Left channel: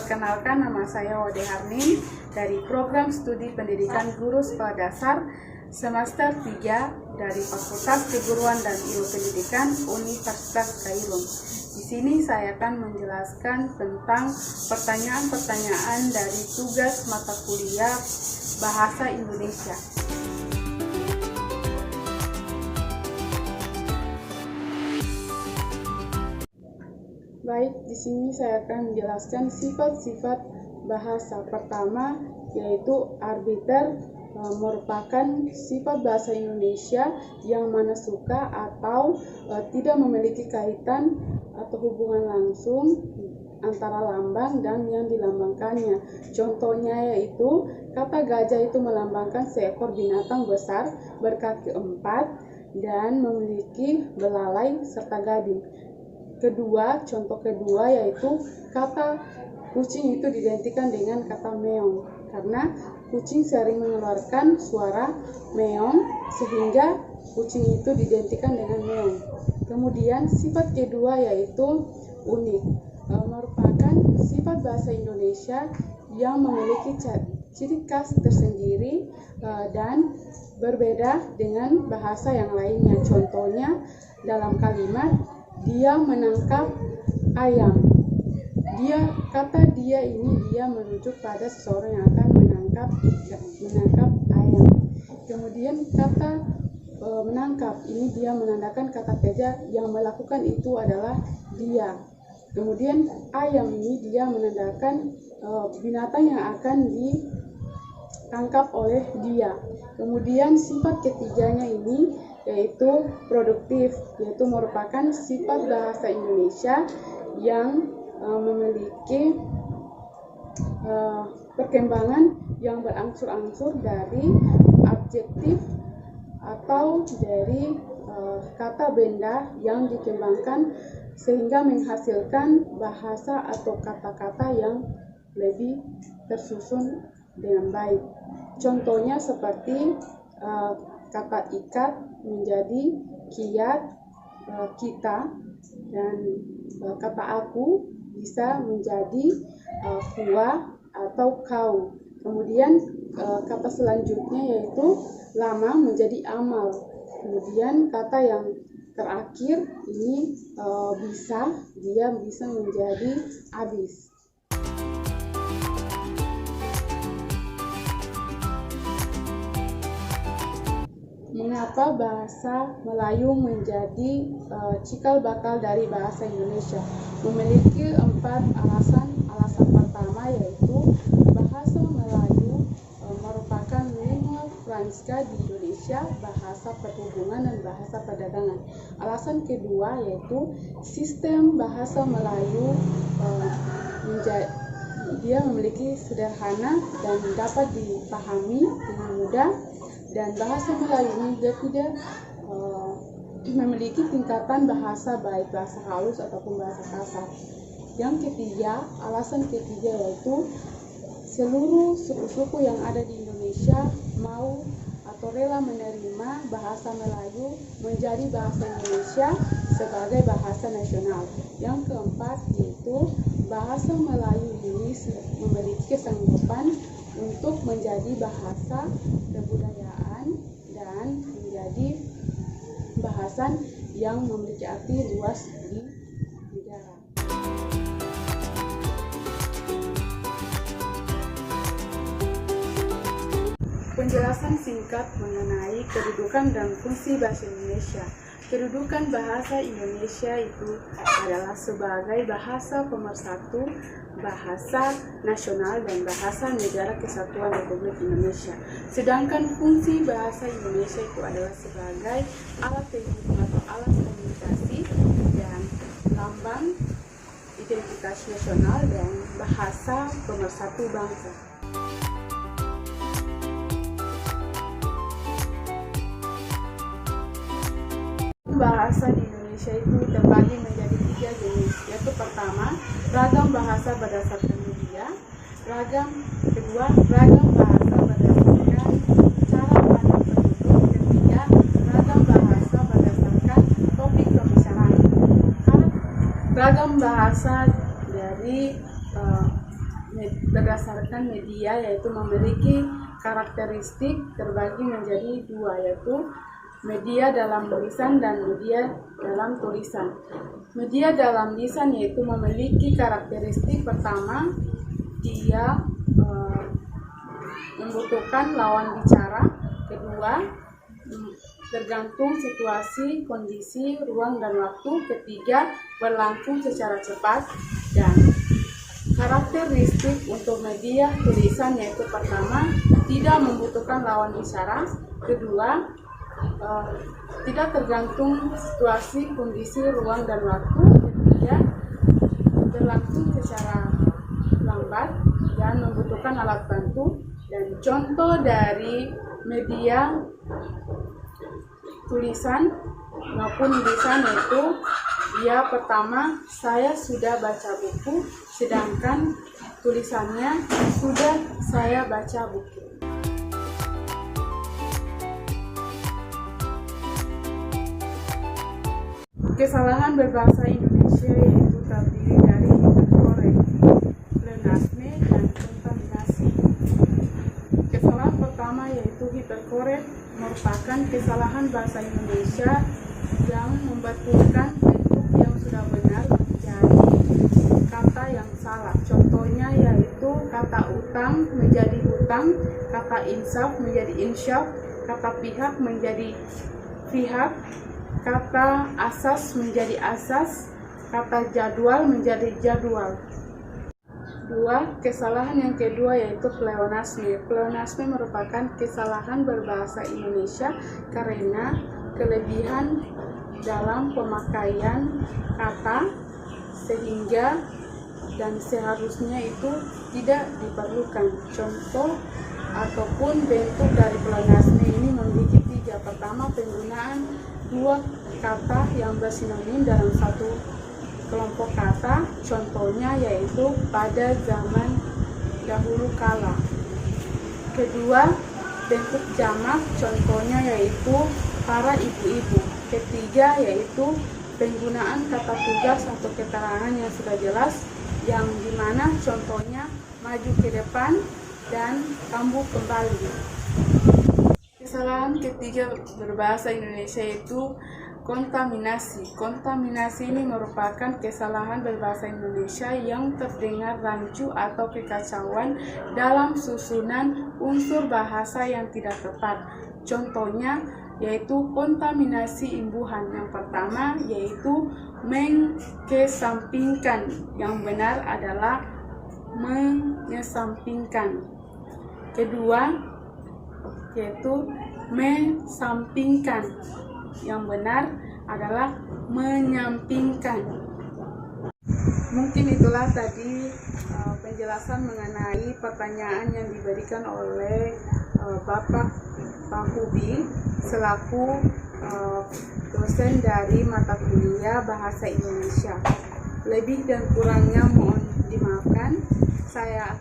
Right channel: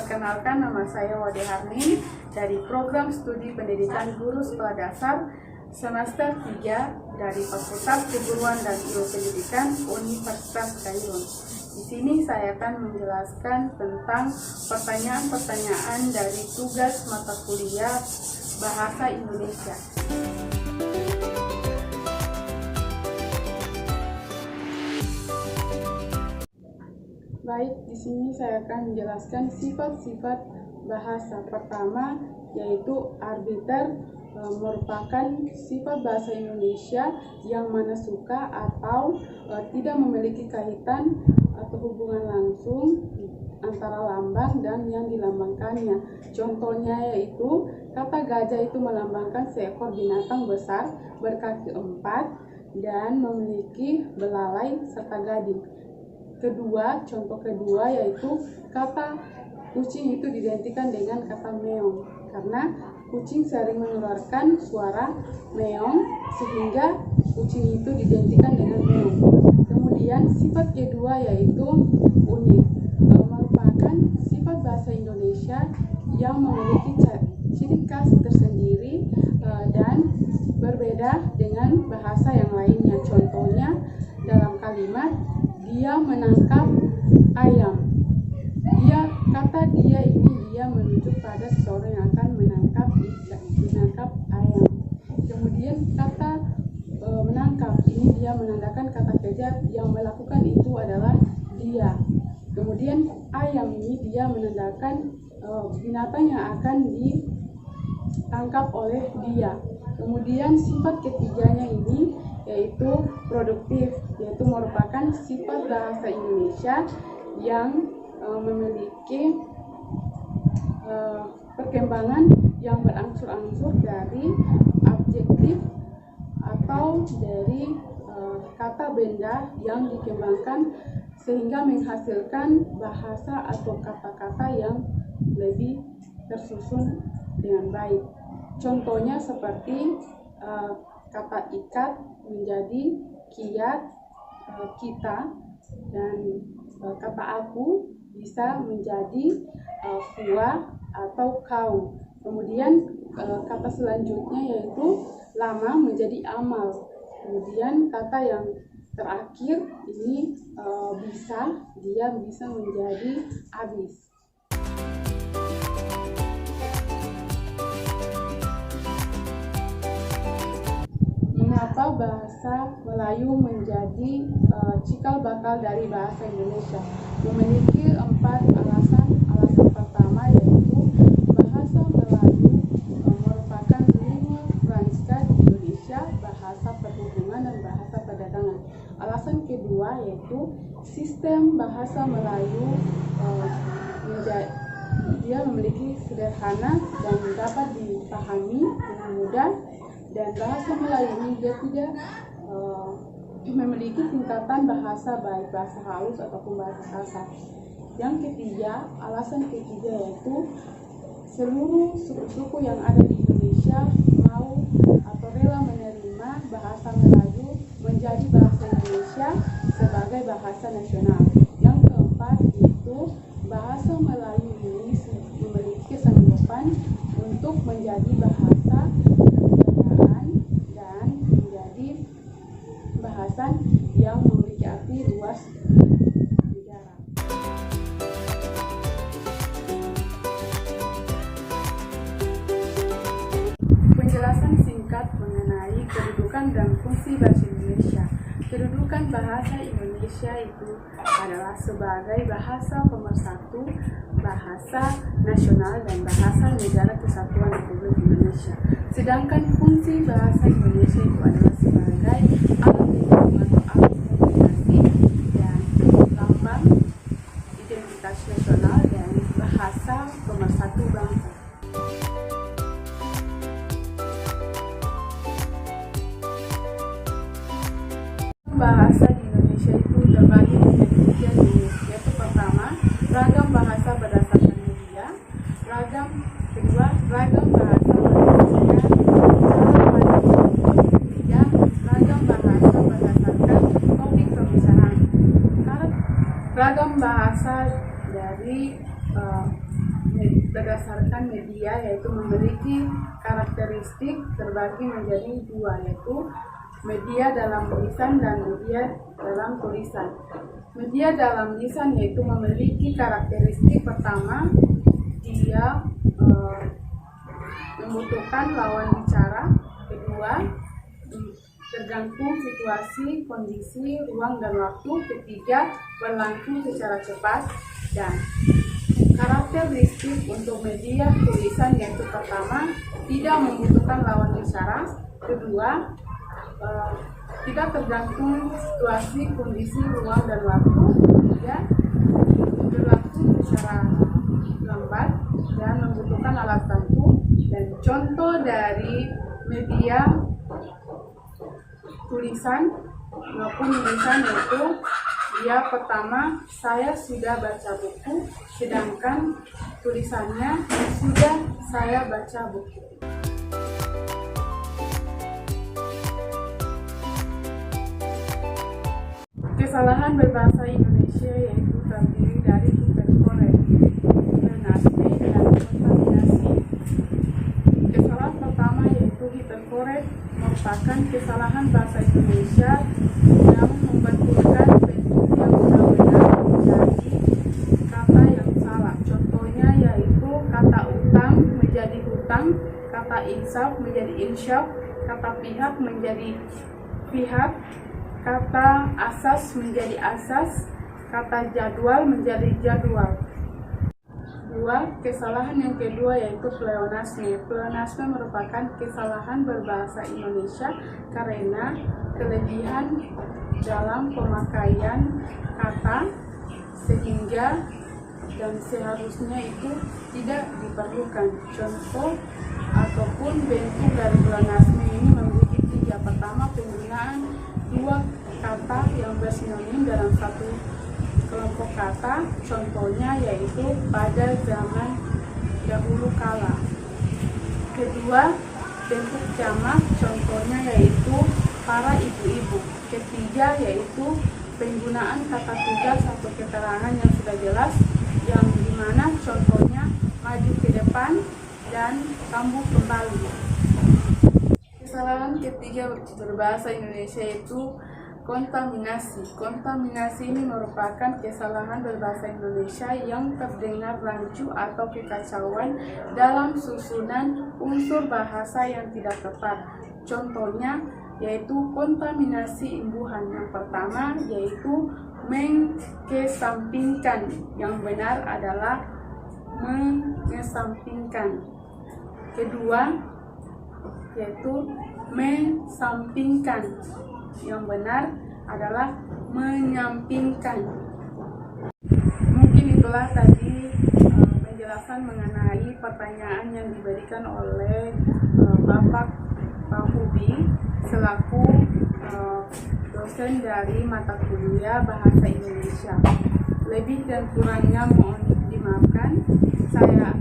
Perkenalkan, nama saya Wade Harni dari Program Studi Pendidikan Guru Sekolah Dasar Semester 3 dari Fakultas Keguruan dan Ilmu Pendidikan Universitas Kairun. Di sini saya akan menjelaskan tentang pertanyaan-pertanyaan dari tugas mata kuliah Bahasa Indonesia. Baik, di sini saya akan menjelaskan sifat-sifat bahasa. Pertama, yaitu arbiter, merupakan sifat bahasa Indonesia yang mana suka atau tidak memiliki kaitan atau hubungan langsung antara lambang dan yang dilambangkannya. Contohnya yaitu kata gajah itu melambangkan seekor binatang besar berkaki 4 dan memiliki belalai serta gading. Contoh kedua yaitu kata kucing itu diidentikan dengan kata meong karena kucing sering mengeluarkan suara meong sehingga kucing itu diidentikan dengan meong. Kemudian sifat kedua yaitu unik, merupakan sifat bahasa Indonesia yang memiliki ciri khas tersendiri dan berbeda dengan bahasa yang lainnya. Contohnya dalam kalimat dia menangkap ayam. Kata dia merujuk pada seseorang yang akan menangkap ayam. Kemudian kata menangkap ini dia menandakan kata kerja yang melakukan itu adalah dia. Kemudian ayam ini dia menandakan binatang yang akan ditangkap oleh dia. Kemudian sifat ketiganya ini yaitu produktif, yaitu merupakan sifat bahasa Indonesia yang memiliki perkembangan yang berangsur-angsur dari adjektif atau dari kata benda yang dikembangkan sehingga menghasilkan bahasa atau kata-kata yang lebih tersusun dengan baik. Contohnya seperti kata ikat menjadi kiat, kita, dan kata aku bisa menjadi gua atau kau. Kemudian kata selanjutnya yaitu lama menjadi amal. Kemudian kata yang terakhir ini dia bisa menjadi habis. Mengapa bahasa Melayu menjadi cikal bakal dari bahasa Indonesia? Memiliki 4 alasan. Alasan pertama yaitu bahasa Melayu merupakan lingua franca di Indonesia, bahasa perhubungan dan bahasa perdagangan. Alasan kedua yaitu sistem bahasa Melayu dia memiliki sederhana dan dapat dipahami dengan mudah. Dan bahasa Melayu ini dia tidak memiliki tingkatan bahasa baik bahasa halus ataupun bahasa kasar. Yang ketiga, alasan ketiga yaitu seluruh suku-suku yang ada di Indonesia mau atau rela menerima bahasa Melayu menjadi bahasa Indonesia sebagai bahasa nasional. Yang keempat yaitu bahasa Melayu ini memiliki kesanggupan untuk menjadi bahasa dan menjadi bahasan yang memiliki arti luas di negara. Penjelasan singkat mengenai kedudukan dan fungsi bahasa Indonesia. Kedudukan bahasa Indonesia itu adalah sebagai bahasa pemersatu, bahasa nasional, dan bahasa negara kesatuan Republik Indonesia. Sedangkan fungsi bahasa Indonesia itu adalah sebagai alat penghubung atau alat komunikasi dan lambang identitas nasional dan bahasa pemersatu bangsa. Bahasa di Indonesia itu terbagi menjadi 3 jenis, yaitu pertama, ragam bahasa berdasarkan media, kedua, ragam bahasa berdasarkan cara pandang, ketiga, ragam bahasa berdasarkan topik pembicaraan. Ragam bahasa dari dengan media, yaitu memiliki karakteristik terbagi menjadi dua, yaitu media dalam lisan dan media dalam tulisan. Media dalam lisan yaitu memiliki karakteristik pertama, dia membutuhkan lawan bicara. Kedua, tergantung situasi, kondisi, ruang, dan waktu. Ketiga, berlangsung secara cepat. Dan karakteristik untuk media tulisan yaitu pertama, tidak membutuhkan lawan bicara. Kedua, tidak tergantung situasi, kondisi, ruang, dan waktu. Ketiga, berlangsung secara lambat dan membutuhkan alat bantu. Dan contoh dari media tulisan maupun tulisan yaitu, dia pertama, saya sudah baca buku, sedangkan tulisannya sudah saya baca buku. Kesalahan berbahasa Indonesia yaitu terdiri dari hiperkorek, pleonasme, dan kontaminasi. Kesalahan pertama yaitu hiperkorek merupakan kesalahan bahasa Indonesia yang membetulkan bentuk yang sudah benar menjadi kata yang salah. Contohnya yaitu kata utang menjadi hutang, kata insaf menjadi insyaf, kata pihak menjadi pihak, kata asas menjadi asas, kata jadwal menjadi jadwal. Kesalahan yang kedua yaitu pleonasme. Pleonasme merupakan kesalahan berbahasa Indonesia karena kelebihan dalam pemakaian kata sehingga dan seharusnya itu tidak diperlukan. Contoh ataupun bentuk dari pleonasme ini memiliki 3. Pertama, penggunaan 2 kata yang bersinonim dalam satu kelompok kata. Contohnya yaitu pada zaman dahulu kala. Kedua, bentuk jamak. Contohnya yaitu para ibu-ibu. Ketiga, yaitu penggunaan kata tugas atau keterangan yang sudah jelas, yang dimana contohnya maju ke depan dan kambuh kembali. Kesalahan ketiga berbahasa Indonesia yaitu kontaminasi. Kontaminasi ini merupakan kesalahan berbahasa Indonesia yang terdengar rancu atau kekacauan dalam susunan unsur bahasa yang tidak tepat. Contohnya yaitu kontaminasi imbuhan. Yang pertama yaitu mengesampingkan. Yang benar adalah mengesampingkan. Kedua yaitu mensampingkan. Yang benar adalah menyampingkan. Mungkin itulah tadi penjelasan mengenai pertanyaan yang diberikan oleh Bapak Pak Hubi selaku dosen dari mata kuliah Bahasa Indonesia. Lebih dan kurangnya mohon dimaafkan. Saya